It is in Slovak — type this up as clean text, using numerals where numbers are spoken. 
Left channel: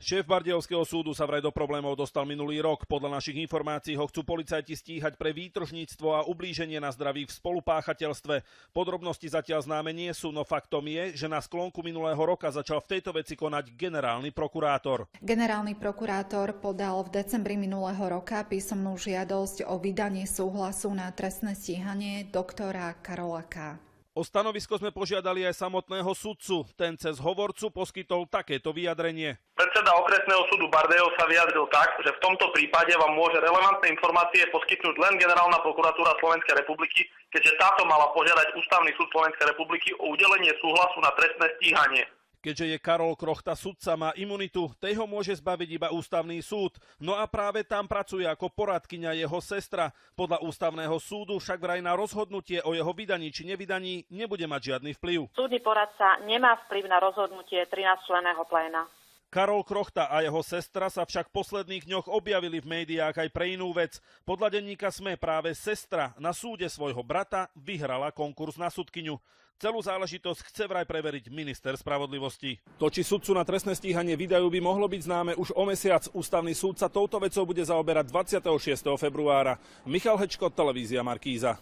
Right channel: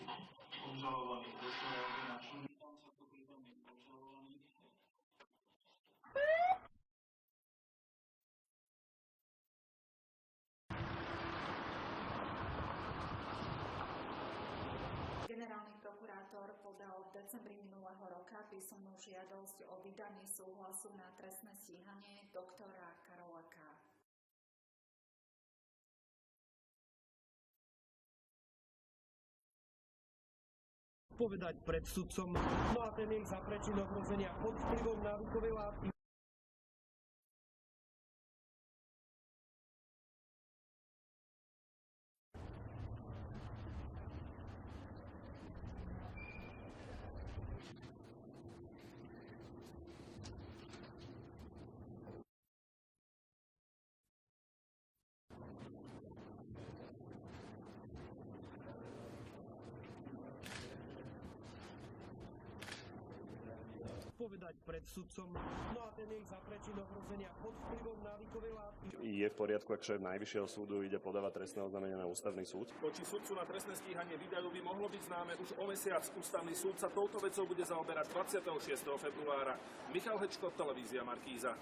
Šéf Bardejovského súdu sa vraj do problémov dostal minulý rok. Podľa našich informácií ho chcú policajti stíhať pre výtržníctvo a ublíženie na zdraví v spolupáchateľstve. Podrobnosti zatiaľ známe nie sú, no faktom je, že na sklonku minulého roka začal v tejto veci konať generálny prokurátor. Generálny prokurátor podal v decembri minulého roka písomnú žiadosť o vydanie súhlasu na trestné stíhanie doktora Karola K. O stanovisko sme požiadali aj samotného sudcu. Ten cez hovorcu poskytol takéto vyjadrenie. Predseda okresného súdu Bardejov sa vyjadril tak, že v tomto prípade vám môže relevantné informácie poskytnúť len Generálna prokuratúra Slovenskej republiky, keďže táto mala požiadať Ústavný súd Slovenskej republiky o udelenie súhlasu na trestné stíhanie. Keďže je Karol Krochta sudca, má imunitu, tej ho môže zbaviť iba Ústavný súd. No a práve tam pracuje ako poradkyňa jeho sestra. Podľa Ústavného súdu však vraj na rozhodnutie o jeho vydaní či nevydaní nebude mať žiadny vplyv. Súdny poradca nemá vplyv na rozhodnutie 13-členného pléna. Karol Krochta a jeho sestra sa však v posledných dňoch objavili v médiách aj pre inú vec. Podľa denníka SME práve sestra na súde svojho brata vyhrala konkurs na sudkyňu. Celú záležitosť chce vraj preveriť minister spravodlivosti. To, či sudcu na trestné stíhanie vydajú, by mohlo byť známe už o mesiac. Ústavný súd sa touto vecou bude zaoberať 26. februára. Michal Hečko, televízia Markíza.